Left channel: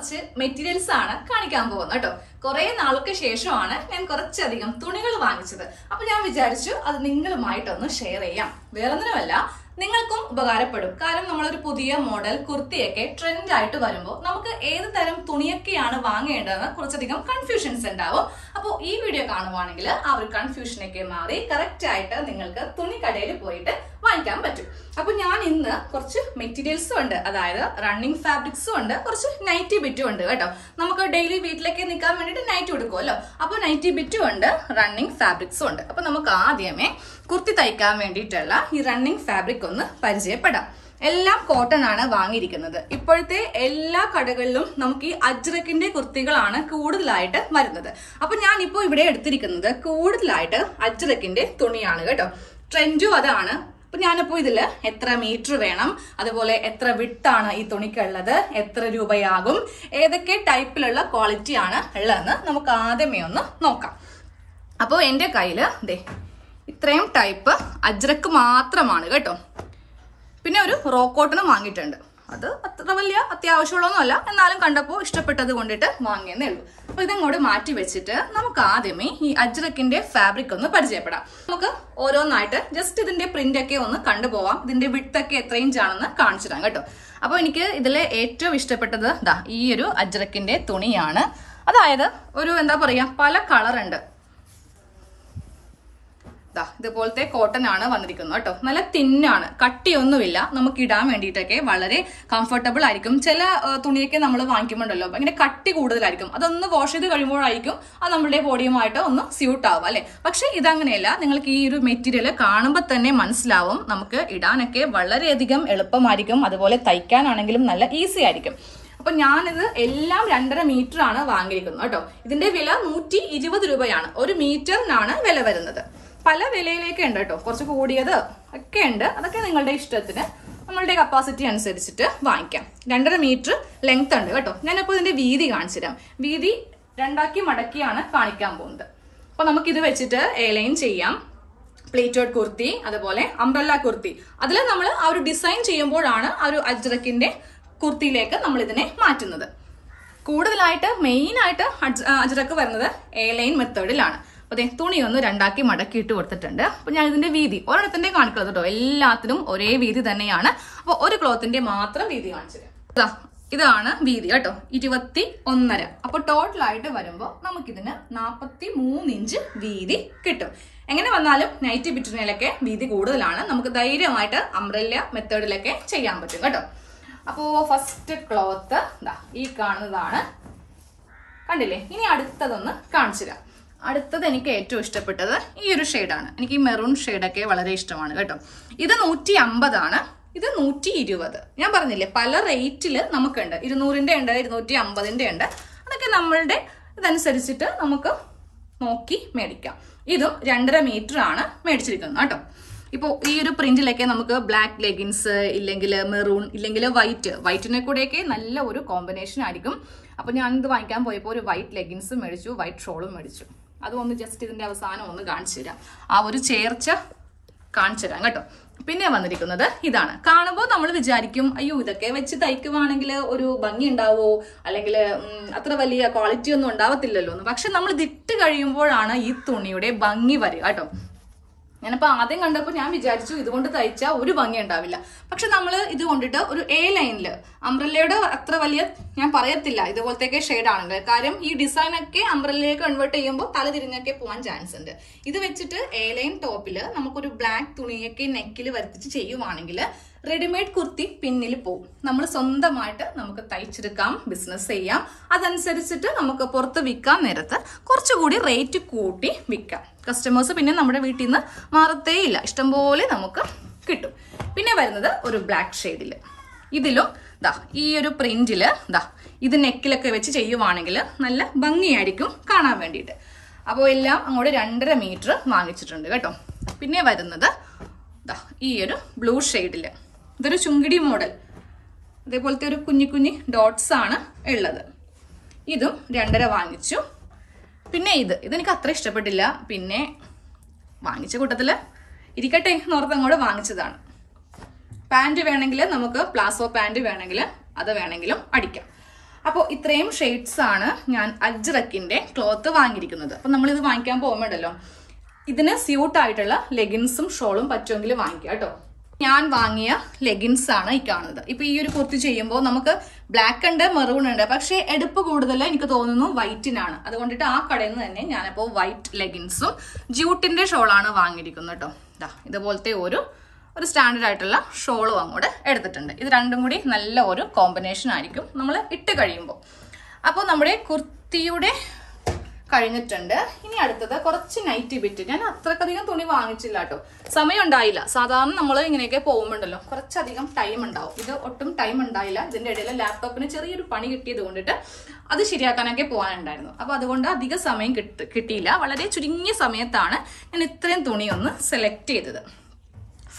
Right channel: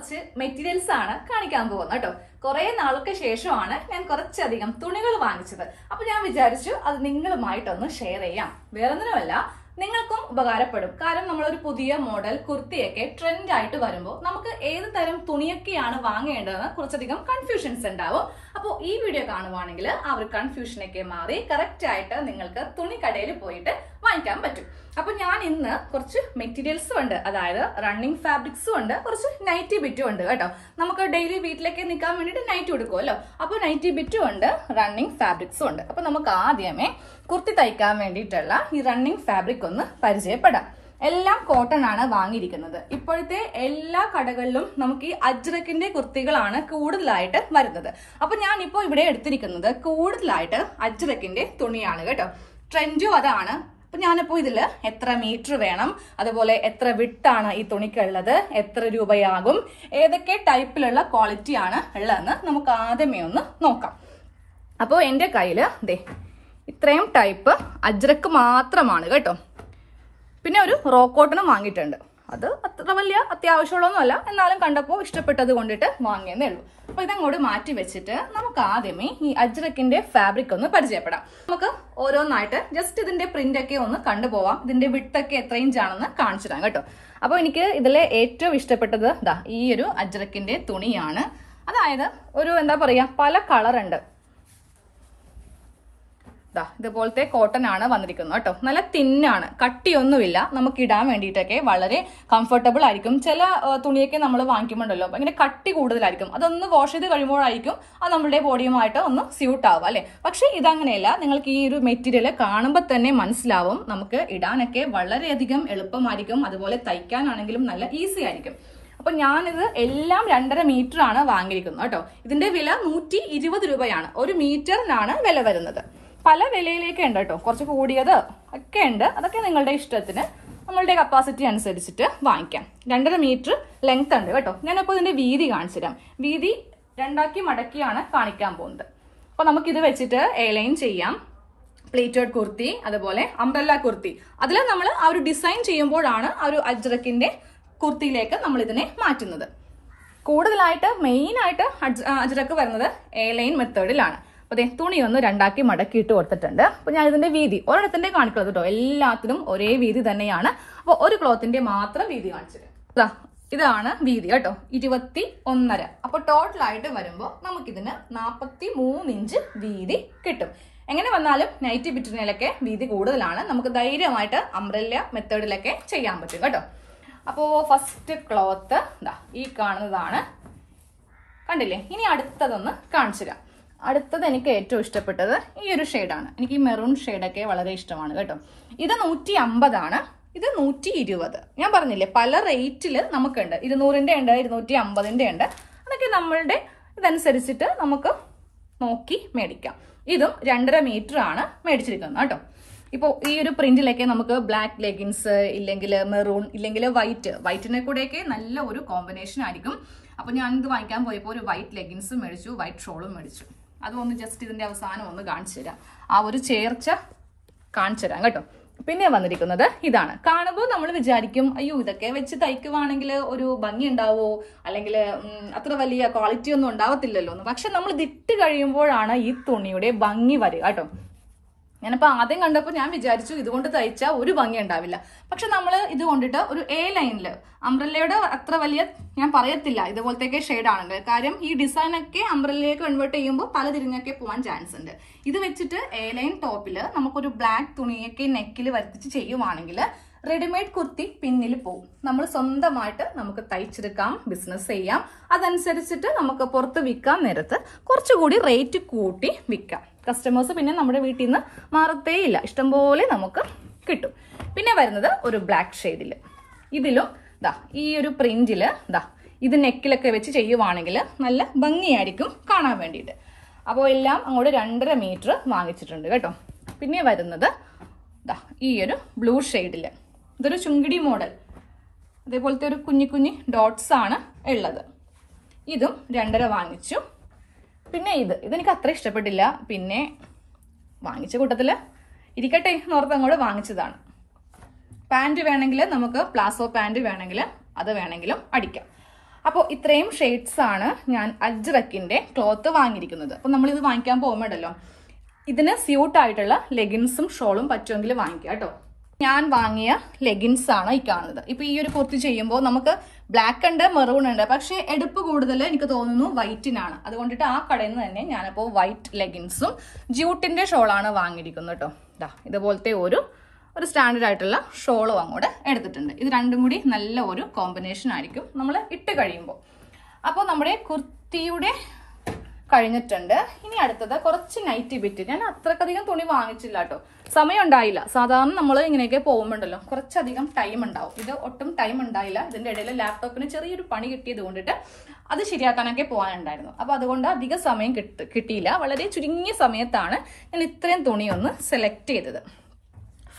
കുറച്ച് മെറ്റീരിയൽസ് ആണ് കാണിക്കാൻ പോകുന്നത് കേട്ടോ. കുറെ നാൾക്ക് ശേഷമാണ് ഞാൻ കുറച്ചധികം തുണികൾ വാങ്ങിച്ചത്. അപ്പൊ ഞാൻ വിചാരിച്ചു അത് നിങ്ങളുമായിട്ടൊന്ന് ഷെയർ ചെയ്യാം. വേറൊന്നുമല്ല, നിങ്ങൾക്കും ഉപകാരപ്പെടും. കാരണം നമ്മളൊരു പുതിയ മോഡൽ കുർത്തിയൊക്കെ ട്രെൻഡ് ആയിട്ട് വരുമ്പോൾ നമുക്ക് ഏത് തരം തുണിയൊക്കെയാണ് വാങ്ങേണ്ടതെന്ന് കുറച്ചധികം കൺഫ്യൂഷൻസ് ഉണ്ടാവും. അപ്പോൾ ഈ വീഡിയോ കാണുവാണെങ്കിൽ ആ ഒരു കൺഫ്യൂഷനൊക്കെ മാറി കറക്റ്റ് ആയിട്ട് നിങ്ങൾക്ക് തുണിക്കടയിൽ പോയിട്ട് വാങ്ങിക്കാൻ പറ്റും. അപ്പൊ ഞാൻ ഇന്ന് കുറച്ച് മെറ്റീരിയൽസും ഉണ്ട്, അതായത് റണ്ണിങ് ഫാബ്രിക്സും ഉണ്ട്, കുറച്ച് നൈറ്റി ബിറ്റും ഉണ്ട് കേട്ടോ. നമുക്ക് ഡെയിലി വീട്ടിലേക്ക് നിൽക്കാൻ വേണ്ടിയിട്ട് നൈറ്റ് കൊടുക്കുമല്ലോ. അപ്പൊ നൈറ്റി ബിറ്റും ഉണ്ട്, റണ്ണിങ് ഫാബ്രിക്സും ഉണ്ട്. അപ്പൊ നമുക്ക് ആദ്യമേ കുർത്തി തയ്ക്കാൻ വേണ്ടിയിട്ടുള്ള ഈ റണ്ണിങ് ഫാബ്രിക് ഒന്ന് പരിചയപ്പെടാം. എല്ലാം കോട്ടൺ ആണ് വാങ്ങിയിരിക്കുന്നത്. ഇപ്പോഴത്തെ എല്ലാ കടകളിലും നമുക്ക് ഈ അജ്രക്കിന്റെ കുർത്തികളാണ് കൂടുതലായിട്ട് വരുന്നത്. അപ്പൊ ഞാനിപ്പോ ഇവിടെ എടുത്തിരിക്കുന്നത് കൂടുതലായിട്ട് അജ്രക്കിന്റെ തുണിയാണ് കേട്ടോ. ട്രെൻഡും അതാണ്. അപ്പൊ ഞാനിപ്പോ ഇതില് എത്ര മീറ്റർ വേണം, അതുപോലെ എത്ര വിട്ടാണ് ഈ തുണിക്കുള്ളത്, എത്ര രൂപയാകും, ഏതൊക്കെ ടൈപ്പിലുള്ള ക്വാളിറ്റി ആണ് ഉള്ളതെന്ന് നമുക്ക് ആദ്യമേ ഒന്ന് നോക്കാം. അപ്പോൾ എന്റെ കയ്യില് ദേ ഇത്രയും ടൈപ്പ് അജ്രക്ക് മാത്രമാണ് കേട്ടോ. പിന്നെ ഒരു റോ കോട്ടണും വാങ്ങിയിട്ടുണ്ട്. അത് അത്ര വലിയ അത്യാവശ്യമുള്ളതൊന്നുമല്ല, എന്നാലും കണ്ടപ്പോൾ ഇഷ്ടപ്പെട്ടത് കൊണ്ടിട്ട് വാങ്ങിയെന്നേ ഉള്ളൂ. അപ്പൊ ഇതങ്ങോട്ട് മാറ്റി വെച്ചിട്ട് നമുക്ക് ആദ്യമേ ഈ അജ്രക്കിന്റെ ഫാബ്രിക് ഒന്ന് പരിചയപ്പെടാം. നമുക്ക് ഓരോന്നായിട്ട് ജസ്റ്റ് ഇതിന്റെ പ്രിന്റ് ഒക്കെ ഒന്ന് കണ്ടുപോവാം. ഇതിന്റെ വിട്ടൊക്കെ എത്ര ഇഞ്ചാണെന്ന് കാണിച്ചു തരാം കേട്ടോ. അപ്പൊ എനിക്ക് ഇതിലെ ഏറ്റവും ഇഷ്ടപ്പെട്ടത് ദാ ഈ ഒരു അജ്രക്കിന്റെ തുണിയാണ്. അതായത് ഒരു എന്താ പറയാ, പല കളർ ഉണ്ട്. ഇതുപോലത്തെ കോട്ടൺ ആണ് വന്നിരിക്കുന്നത് കേട്ടോ. നല്ല തിന്നാണ്, കട്ടിയൊന്നുമില്ല. നമുക്ക് ഇടാൻ വേണ്ടിയിട്ടൊക്കെ വളരെ കംഫർട്ടബിൾ ആയിരിക്കും. ചില തുണിയൊക്കെ നമ്മൾ വാങ്ങിക്കുമ്പോണ്ടല്ലോ ഇങ്ങനെ കട്ടി കൂടുതലായിരിക്കും. അതൊന്ന് വാഷ് ചെയ്ത് കഴിയുമ്പോഴായിരിക്കും അത് നമ്മുടെ ബോഡിയുമായിട്ട് ഒന്ന് സ്യൂട്ട് ആവുക അല്ലെ. പക്ഷെ ഇതങ്ങനെയല്ല. നിങ്ങൾക്ക് ഈ ഒരു മെറ്റീരിയൽ കാണുമ്പോൾ തന്നെ മനസ്സിലാവും നമുക്ക് ഇടാനൊക്കെ വളരെയധികം എളുപ്പമായിരിക്കും. അതുപോലെ തയ്ക്കാനാണെങ്കിലും നല്ല ഈസി ആയിരിക്കും. അപ്പൊ ഞാനിത് എല്ലാം 2.5 മീറ്റർ ആണ് വാങ്ങിയിരിക്കുന്നത് കേട്ടോ. ഇതിന്റെ വില 120 രൂപയാണ്. ഒരു മീറ്ററിനാണ് വില വരുന്നത്. പല വിലയിലേക്ക് ഉണ്ട് കേട്ടോ, കുറച്ച് കൂടിയത് ഒക്കെ ഉണ്ട്. അതൊക്കെ നിങ്ങളുടെ ഇഷ്ടത്തിന് നമ്മളുടെ കപ്പാസിറ്റി അനുസരിച്ചിട്ട് വാങ്ങിക്കാം. 2.5 മീറ്റർ ലെങ്ത് ഉണ്ട് കേട്ടോ. ഞാനിപ്പോൾ ഇതിന്റെ വീതി കാണിച്ചു തരാം. വീതി 2 മടക്കിയാണ് കാണിക്കാൻ പോകുന്നത്. അപ്പൊ നമുക്കിത് വെച്ചിട്ട് എലൈൻ ചെയ്യാം. പ്ലേറ്റഡ് കുർത്തി, അതുപോലെ അംബ്രല്ല കുർത്തി, അതിൽ നമ്മൾ ആ ഒരു ഡിസൈൻ ചെയ്യുമ്പോഴാണ് ആ ഒരു അജ്രക്കിന്റെ കുർത്തിയിലേക്ക് നമ്മൾ ഇതിനെ മാറ്റുന്നത്. കൂടുതലായിട്ട് മെയിനായിട്ട് അജ്രക്ക് വരുന്നത് എലൈൻ മെത്തേഡിലാണ്. അതെ, തുണി ഒന്ന് 2 മടക്കിയിട്ട് കൊടുത്തിട്ടുണ്ട്. അപ്പൊ ഞാൻ ഇതിന്റെ വീതി ഒരെണ്ണത്തിന്റെ കാണിക്കുന്നത് കേട്ടോ. എല്ലാത്തിനും ഒരേ വീതി തന്നെയാണ്. അപ്പൊ ഒരു ക്ലോത്തിന്റെ മാത്രം വീതി കാണിച്ചത്. ഇതാണ് വീതി കേട്ടോ, 21.5. അപ്പൊ ടോട്ടലായിട്ട് വരുമ്പോൾ നമുക്കിതിന് 43 ഇഞ്ച് വീതി കിട്ടും. എങ്ങനെ വന്നാലും നൈറ്റി ബിറ്റിനയിലൊക്കെ വീതി കൂടുതലാണ്. നമുക്ക് ധൈര്യമായിട്ട് അംബ്രല്ല മെത്തേഡിലൊക്കെ ചെയ്യാൻ പറ്റും കേട്ടോ. അപ്പോ ഫസ്റ്റ് ക്ലോത്ത് ഈ കാണുന്നതാണ്, കണ്ടില്ലേ. ഇനി അടുത്തതൊന്ന് കാണിച്ചു തരാം. അടുത്തത് എനിക്ക് ഏറ്റവും ഇഷ്ടപ്പെട്ടത് ഈ ഒരു ഷെയ്ഡാണ്. എനിക്ക് ഈ മെറൂൺ ഷെയ്ഡൊക്കെ വളരെ ഇഷ്ടമാണ് കേട്ടോ. ഇത് 150 ആണ്, ഇത് 120. ഞാൻ പറഞ്ഞില്ലേ പല റേറ്റില് നമുക്കുണ്ട്. 200ന്റെ ഉണ്ട്, 250ന്റെ ഉണ്ട്. അതൊക്കെ നമ്മളുടെ ഇതനുസരിച്ചിട്ട് നമുക്ക് നോക്കി മേടിക്കാം. ഇതും 2.5 മീറ്റർ ആണ് മേടിച്ചിരിക്കുന്നത് കേട്ടോ. ഇപ്പോൾ ഈ ഒരു പ്രിന്റിലൊക്കെ നമുക്ക് ബ്ലാക്ക് ലെഗിൻസ്, ഇല്ലെങ്കിൽ മെറൂൺ, ഇല്ലെങ്കിൽ വൈറ്റിനെ കൂടെയൊക്കെ നല്ല ഒരു കോമ്പിനേഷൻ ആയിരിക്കും. അപ്പൊ ഞാനിത് വാങ്ങിക്കാൻ പോയപ്പോൾ ഒരു വൈറ്റ് ലെഗിൻസും മേടിച്ചു, വൈറ്റ് ഷോളും മേടിച്ചു. അതൊന്ന് ജസ്റ്റ് ഇതിന്റെ അവസാനം ഒന്ന് കാണിച്ചു തരാം. ആ ഒരു ചേർച്ച കാണിച്ചു തരാം കേട്ടോ. പിന്നെ വന്നിരിക്കുന്നത് ഇതാണ്. കാണുമ്പോൾ നമ്മൾ വിചാരിക്കും അയ്യോ ഇതൊക്കെ വെച്ച് തയ്ക്കുവാണെങ്കിൽ ഒരു ഭംഗി ഉണ്ടാവോ, അല്ലെങ്കിൽ അത്ര വലിയ ക്വാളിറ്റി ഒന്നും ഉണ്ടാവത്തില്ലല്ലോ എന്ന്. പക്ഷെ നമ്മൾ ഇതിട്ട് കഴിയുമ്പോഴാണ് ഈ തുണിയുടെ ഭംഗി വരിക കേട്ടോ. ഞാനിപ്പോ ആദ്യം കണ്ടപ്പോൾ ഞാൻ വിചാരിച്ചു ഇതുകൊണ്ട് തയ്ച്ചാൽ ഒരു ഭംഗി ഉണ്ടാവില്ല. പക്ഷെ നമ്മൾ ഇത് കൊണ്ടിട്ട് ഒരു എ ലൈനില്, അംബ്രല്ലയുടെ അത്ര വലിയ ഞാൻ പറയത്തില്ല, ഇതുപോലത്തെ ഷെയ്ഡാണ്. കാര്യം ഈ ഡിസൈൻ ഒക്കെ അംബ്രല്ലയിലേക്ക് കൺവേർട്ട് ചെയ്യുമ്പോൾ തല തിരിഞ്ഞൊക്കെ പോകാൻ ചാൻസ് ഉണ്ട്. ഇത് വെച്ചിട്ട് എ ലൈൻ ടോപ്പില് നമുക്കൊരു ബ്ലാക്ക് തുണിയൊക്കെ നെക്കിൽ വരുത്തിച്ച് ചെയ്യുവാണെങ്കിൽ റെഡിമെയ്ഡ് കുർത്തി പിന്നിൽ പോകും. നമ്മൾ സ്വന്തമായിട്ട് നമുക്ക് തയ്ച്ചെടുക്കാം, ബിസിനസ് ചെയ്യാം. അതനുസരിച്ചിട്ട് നമുക്ക് പുറത്ത് വിൽക്കാൻ നേരത്ത് കുറച്ചുകൂടി റേറ്റ് കൂട്ടി വിൽക്കാം. കസ്റ്റമേഴ്സ് പിന്നെ നമ്മുടെ വീട്ടിൽ നിന്ന് മാറത്തേ ഇല്ല, ഇഷ്ടംപോലെ നമുക്ക് കിട്ടും. പിന്നെ വരുന്നത് ഒരു ബ്ലാക്ക് ഷെയ്ഡില്. ഇതിലും ഈ ഒരു പ്രിന്റില് ഇത് നെക്കിലൊക്കെ വെച്ച് ചെയ്യുവാണെങ്കിൽ നല്ല ഭംഗിയായിരിക്കും കാണാൻ വേണ്ടിയിട്ട്. അപ്പോൾ എല്ലാം അങ്ങോട്ട് 2.5 മീറ്റർ വാങ്ങിച്ചിട്ടുണ്ട് കേട്ടോ. പിന്നെ വരുന്നത് ഈ ഒരു ബ്ലൂ ഷെയ്ഡില്, ഇതൊരു ചുങ്കിടി മോഡൽ, അതേപോലത്തെ ഒരു കുഞ്ഞി ഡോട്ട്സ് ആണ് ഉള്ളത്. ഇതും 2.5 വാങ്ങിച്ചു. പിന്നെ ഇതെനിക്ക് അത്ര ഇഷ്ടപ്പെട്ടില്ല. പിന്നെ വാങ്ങിച്ച കൂട്ടത്തില് ഇരിക്കട്ടെ എന്നോർത്ത് അങ്ങോട്ട് വാങ്ങിച്ചതാണ്. പാൻറ് വേണമെങ്കിൽ നമുക്ക് പ്ലാസോ പാൻറ് വേണമെങ്കിൽ അത് വേണമെങ്കിലും അടിക്കാം. അപ്പോൾ ഇത്രയും ഷെയ്ഡ്സ് ആണ് ഞാൻ അജ്രക്കിന്റെ ക്ലോത്ത് വാങ്ങിയിരിക്കുന്നത്. അപ്പൊ നമ്മൾ ഇത് വാങ്ങിക്കാൻ പോകുമ്പോഴല്ലോ ഇതിന് സ്യൂട്ട് ആയിട്ടുള്ള ലെഗിൻസും ഷോളും പറ്റുമെങ്കിൽ വാങ്ങിക്കുക കേട്ടോ. ഞാൻ വാങ്ങിയ ലെഗിൻസ് ആണ് ഈ കാണുന്നത്. ഇപ്പൊ ഈ ഒരു കുർത്തി ചെയ്യുമ്പോൾ നമുക്ക് ബ്ലാക്ക് ഉണ്ട്, മെറൂൺ ഉണ്ട്, പക്ഷെ എടുപ്പ് കൂടുതൽ എനിക്ക് തോന്നുന്നു വൈറ്റിനാണ്. അതുകൊണ്ടിട്ട് ആ കടയിൽ നിന്ന് തന്നെ ഞാനിപ്പോൾ വൈറ്റ് ലെഗിൻസും ജ്യൂട്ടിന്റെ ഷോളാണ് വാങ്ങിയിരിക്കുന്നത് കേട്ടോ. ഇതുപോലത്തെ ഒരു സ്റ്റാൻഡേർഡ് ആയിട്ടുള്ള ഷോളും അങ്ങോട്ട് എടുത്തിട്ടുണ്ട്. ഇത് രണ്ടും കൂടി നല്ല ഒരു കോമ്പിനേഷൻ ആയിരിക്കും നമ്മൾ ഇട്ട് കഴിയുമ്പോൾ. അപ്പോൾ നമ്മുടെ കുർത്തിയുടെ കഴിഞ്ഞിട്ടുണ്ട്. ഇനി അടുത്തത് കുറച്ച് നൈറ്റി ബിറ്റ്. ഞാൻ അത്രക്കധികം തുണി വാങ്ങിച്ചില്ല കേട്ടോ, സമയം ഉണ്ടായില്ല. സാധാരണ നമ്മൾ ഇങ്ങനെയൊക്കെ പോകുമ്പോണ്ടല്ലോ കുറച്ചധികം ടൈം ഉണ്ടാവും. ഇത് ഒട്ടും ടൈം ഉണ്ടായില്ല. ഇതിന്റെ ഇടയിൽ ലാപ്ടോപ്പിന് ചെറിയൊരു പണി കിട്ടിയത് കൊണ്ടിട്ട് അത് ശരിയാക്കാനൊക്കെ പോകാനുണ്ടായിരുന്നു. അപ്പൊ അതുകൊണ്ട് അധിക സമയം കിട്ടിയില്ല. വളരെ ചുരുങ്ങിയ സമയത്താണ് ഞാൻ ഇത്രയും തുണിയൊന്ന് സെലക്ട് ചെയ്തത്.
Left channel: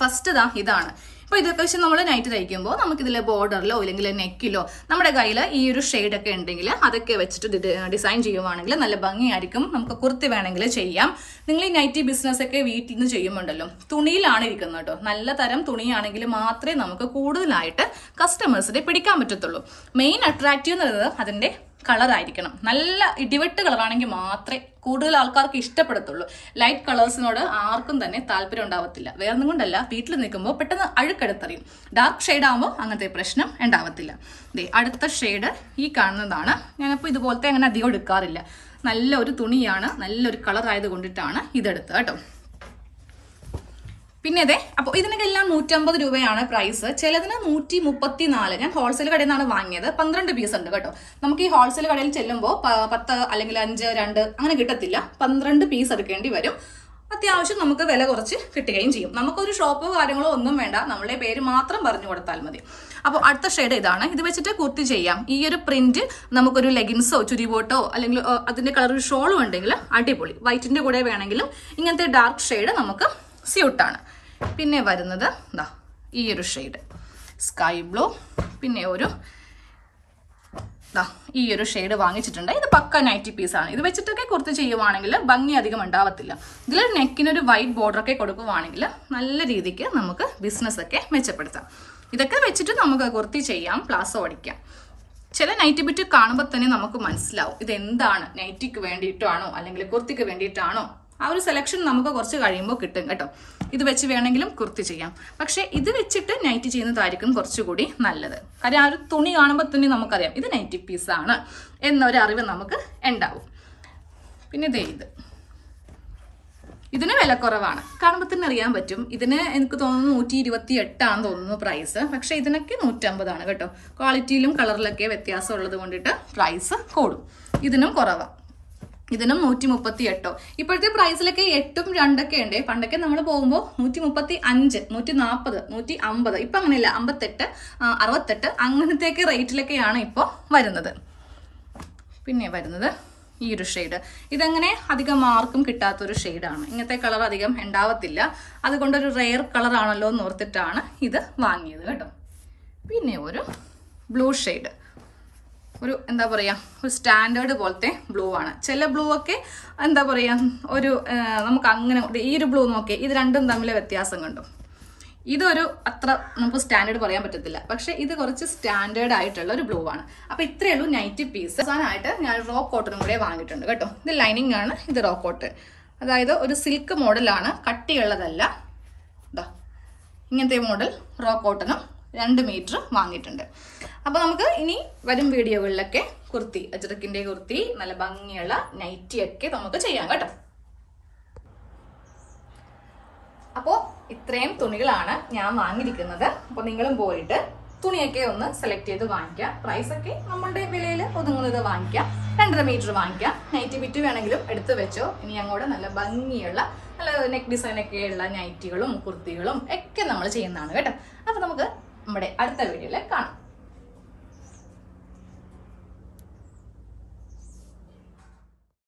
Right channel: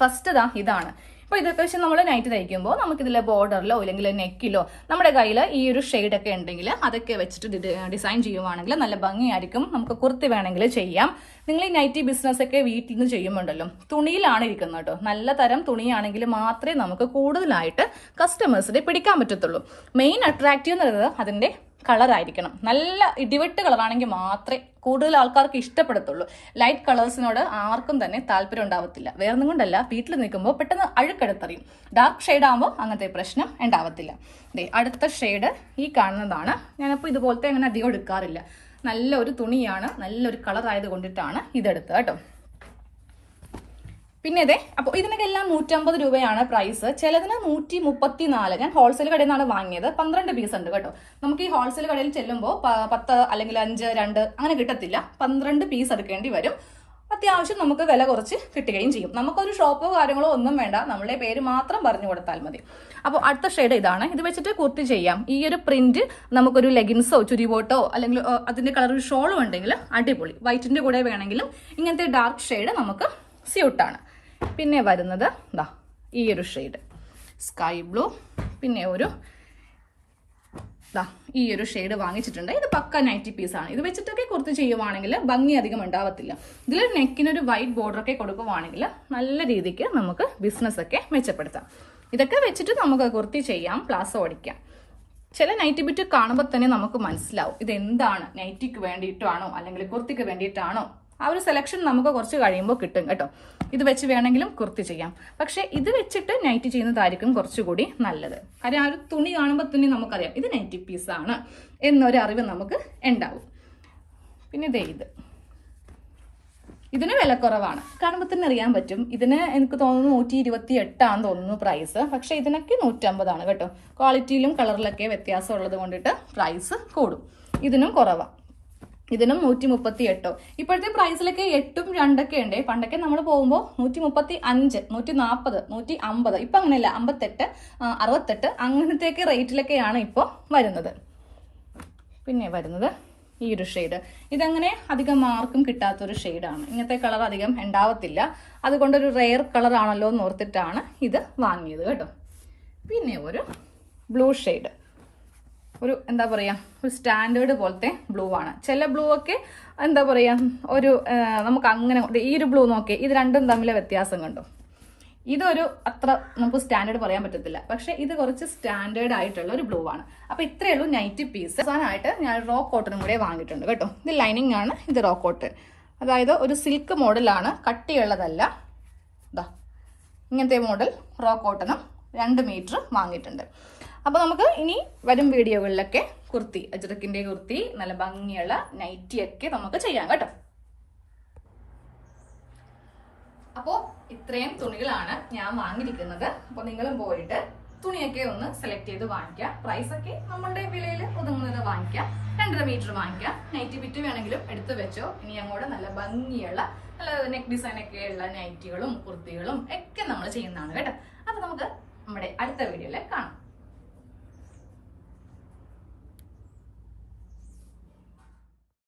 ഫസ്റ്റ് ഇതാണ്. അപ്പോൾ ഇതൊക്കെ വെച്ച് നമ്മൾ നൈറ്റ് തയ്ക്കുമ്പോൾ നമുക്കിതിലെ ബോർഡറിലോ ഇല്ലെങ്കിൽ നെക്കിലോ നമ്മുടെ കയ്യിൽ ഈ ഒരു ഷെയ്ഡൊക്കെ ഉണ്ടെങ്കിൽ അതൊക്കെ വെച്ചിട്ട് ഡിസൈൻ ചെയ്യുവാണെങ്കിൽ നല്ല ഭംഗിയായിരിക്കും. നമുക്ക് കുർത്തി വേണമെങ്കിൽ ചെയ്യാം. നിങ്ങൾ ഈ നൈറ്റി ബിസിനസ് ഒക്കെ വീട്ടിൽ നിന്ന് ചെയ്യുമ്പോണ്ടല്ലോ തുണിയിലാണ് ഇരിക്കുന്നത് കേട്ടോ. നല്ല തരം തുണിയാണെങ്കിൽ മാത്രമേ നമുക്ക് കൂടുതലായിട്ട് കസ്റ്റമേഴ്സിനെ പിടിക്കാൻ പറ്റത്തുള്ളൂ. മെയിൻ അട്രാക്റ്റീവ് എന്നുള്ളത് അതിന്റെ കളറായിരിക്കണം. നല്ല ഇടിവെട്ട് കളറാണെങ്കിൽ മാത്രമേ കൂടുതൽ ആൾക്കാർക്ക് ഇഷ്ടപ്പെടത്തുള്ളൂ. ലൈറ്റ് കളേഴ്സിനോട് ആർക്കും തന്നെ താല്പര്യം ഉണ്ടാവത്തില്ല. വേറൊന്നും കൊണ്ടല്ല, വീട്ടിൽ നിൽക്കുമ്പോൾ പെട്ടെന്ന് അഴുക്കെടുത്തറിയും. ഡാർക്ക് ഷെയ്ഡ് ആകുമ്പോൾ അങ്ങനത്തെ പ്രശ്നം ഉണ്ടാവത്തില്ല. അടുത്ത ഷെയ്ഡ് ഈ കാണുന്നതാണ്. ഞാനിപ്പോൾ ഇതുപോലത്തെ അങ്ങനെ അധികം എടുക്കാറില്ല. നല്ലൊരു തുണിയാണ്, നല്ലൊരു കളർ ആയത് കൊണ്ടിട്ടാണ് ഇതെടുത്തത് കേട്ടോ. പിന്നെ അതെ, അപ്പോൾ ഇതിനൊക്കെല്ലാം 150 രൂപയാണ് പ്രൈസ്. ചിലതിന് 134. ഞാൻ ഹോൾസെയിൽ കടയിൽ നിന്നാണ് വാങ്ങിയത്. 12 പീസ് ഉണ്ട് കേട്ടോ. നമുക്ക് ഈ ഹോൾസെയിൽ കടയിൽ ചെല്ലുമ്പോൾ 10 അല്ലെങ്കിൽ 5, 2 അങ്ങനെ കിട്ടത്തില്ല. 12 പീസ് എടുക്കേണ്ടി വരും. അത്യാവശ്യം നമുക്ക് വില കുറച്ച് കിട്ടുകയും ചെയ്യും. നമുക്കൊരു ഷോപ്പോ കാര്യങ്ങളോ ഒന്നും വേണ്ട, നമ്മുടെ പേര് മാത്രം പറഞ്ഞു കൊടുത്താൽ മതി. അപ്പോൾ അടുത്ത ഷെയ്ഡ് ഇതാണ്. ഇത് വെച്ചിട്ട് കുർത്തി ചെയ്യാം. ഈ ഒരു പ്രിന്റ് നമുക്കൊരു ലെഗിൻസോ ചുരിബോട്ടോ അല്ലെങ്കിൽ അതിന്റെ കളർ ഒരു ഷോളും ഉണ്ടെങ്കിൽ അടിപൊളി. വൈറ്റിന്റെ കൂടെ വേണമെങ്കിലും ഇങ്ങനത്തെ ഡാർക്ക് ഷെയ്ഡ് നമുക്ക് സ്യൂട്ടാണ്. പിന്നെ വരുന്നത് ഈ ഒരു ഷെയ്ഡ് സ്കൈ ബ്ലൂ. പിന്നെ ഈ ഒരു ഷെയ്ഡ് വാങ്ങിച്ചിട്ടുണ്ട്. ഇത് പക്ക നൈറ്റി പീസാണ്. ഇത് വെച്ചിട്ടൊക്കെ കുർത്തി ചെയ്യുവാണെങ്കിൽ ഭംഗി അധികം ഉണ്ടാവത്തില്ല. ഇതിൽ നെക്കിനൊരു വൈറ്റ് ബോർഡറൊക്കെ കൊടുക്കുവാണെങ്കിൽ നല്ല രീതിക്ക് നമുക്ക് ബിസിനസ് ഒക്കെ മെച്ചപ്പെടുത്താം. ഇതൊക്കെ വെച്ചിട്ട് നമുക്ക് കുർത്തി ചെയ്യാം, പ്ലാസോ ഓടിക്കാം. ചില നൈറ്റി ബിറ്റ് കാണുമ്പോൾ തന്നെ നമുക്ക് മനസ്സിലാവും ഇതെന്താണ്, നൈറ്റിക്ക് വേണ്ടിയിട്ടാണോ അല്ലെങ്കിൽ കുർത്തിക്ക് വേണ്ടിയിട്ടാണോ. ആ ഒരു സെലക്ഷൻ നമുക്ക് കുറച്ച് കഴിയുമ്പോൾ കിട്ടും കേട്ടോ. ഇത് വെച്ച് വേണമെങ്കിലും കുർത്തി ചെയ്യാം. പക്ഷെ ഇത് വെച്ചിട്ട് നൈറ്റി ചെയ്യുന്നതായിരിക്കും കുറച്ചുകൂടി നല്ലത്. കാര്യം ആ ഒരു തുണി കാണുമ്പോൾ തന്നെ നമുക്കറിയാം ഇത് നൈറ്റി പീസാണ് എന്നൊരു അറിവ് നമുക്ക് ഉണ്ടാവും. പിന്നെ ഇതിന് വില കുറവാണ്. കാണുമ്പോൾ തന്നെ അറിയാൻ പറ്റും. ഇതിന് എനിക്ക് തോന്നുന്നു 128 തോന്നുന്നു പ്രൈസ്. പക്ഷെ ഇതിനൊക്കെ 150 കേട്ടോ. ക്വാളിറ്റിയിലും കളറിലൊക്കെ വ്യത്യാസം ഉള്ളത് കൊണ്ടിട്ട് പ്രൈസ് കൂടും. ഇതിനും കുറവാണ്. ഇതിനും 138. ഇപ്പോഴത്തെ പ്രൈസിലൊക്കെ 8ഉം 2ഒക്കെ ഉണ്ട്. പണ്ടൊക്കെ നമ്മൾ പോകുമ്പോൾ 135, 140, 150. ഇപ്പൊ അങ്ങനെയല്ല, 58, 68 അങ്ങനത്തെയൊക്കെ റേറ്റിലൊക്കെയാണ് ഇപ്പോൾ വരുന്നത്. പിന്നെ വരുന്നത് ഈ ഒരു ഷെയ്ഡ്. ഇതങ്ങനെ അധികം മാർക്കും കിട്ടാത്തൊരു ഷെയ്ഡാണ്. ഇങ്ങനത്തെ കളർ അധികം ഉണ്ടാവത്തില്ല. അതുകൊണ്ടൊരു റെയർ കളർ ആണല്ലോ എന്ന് ഓർത്തിട്ടാണ് ഇത് വാങ്ങിയത് കേട്ടോ. പിന്നെ ഒരു ബ്ലൂ ഷെയ്ഡ്. ഒരു എന്താ പറയുക, ഒരു സ്റ്റാൻഡേർഡ് പോലത്തെ ബ്ലൂ ആണ്. ചില ബ്ലൂ ഒക്കെ എന്താ പറയുക ഒരു നമുക്ക് അങ്ങനെ ഈ ഒരു ബ്ലൂ നോക്കി ഇത് രണ്ടും തമ്മിലെ വ്യത്യാസം കണ്ടു. ഇതൊരു അത്ര നമുക്ക് സ്റ്റാൻഡേർഡ് പറയാൻ പറ്റത്തില്ല. പക്ഷെ ഇത് കുറച്ച് സ്റ്റാൻഡേർഡ് ആയിട്ടുള്ള ഒരു ബ്ലൂ ആണ്. അപ്പൊ ഇത്രയേ ഉള്ളൂ നൈറ്റി പീസ്. അവസാനമായിട്ട് ഞാൻ റോ കോട്ടനും കൂടെ വാങ്ങിയിട്ടുണ്ട് കേട്ടോ. ഇത് ലൈനിങ് ആണ്, ഇത് റോ കോട്ടൺ. അതായത് ഒരു സിൽക്ക് മോഡലാണ്, കട്ടിയുള്ളതല്ല. ഇങ്ങനത്തെ മോഡൽ റോ കോട്ടനും 2 മീറ്റർ വാങ്ങിയിട്ടുണ്ട്. അപ്പൊ നമുക്ക് ഇനി വരും വീഡിയോകളിലൊക്കെ കുർത്തി, അജ്രക്കിന്റെ കുർത്തി, നല്ല ഭംഗിയുള്ള നൈറ്റി ഒക്കെ നമുക്ക് ചെയ്യാം കേട്ടോ. അപ്പോ ഇത്രയും തുണികളാണ് ഞാൻ വാങ്ങിയിരിക്കുന്നത്. അപ്പൊ നിങ്ങളും പോയിട്ട് തുണിയൊക്കെ ഒന്ന് സെലക്ട് ചെയ്ത് വാങ്ങിക്കാം. പ്രൈസ് ഒക്കെ നമ്മളുടെ വിലയിൽ ഒതുങ്ങുന്നത് വാങ്ങിക്കാം. 2.5 മീറ്റർ വാങ്ങിക്കാം. നൈറ്റി ബിറ്റ് വേണമെങ്കിലും എടുത്തു വെച്ചോ. ഇനി അങ്ങോട്ട് നല്ല ഭംഗിയുള്ള നല്ല നെക്ക് ഡിസൈൻ ഒക്കെ ഉള്ള നൈറ്റികളും കുർത്തികളും ഒക്കെ നമ്മൾ ചെയ്യുന്നതാണ് കേട്ടോ. അപ്പൊ നമുക്ക് നമ്മുടെ അടുത്ത വീഡിയോയിൽ കാണാം.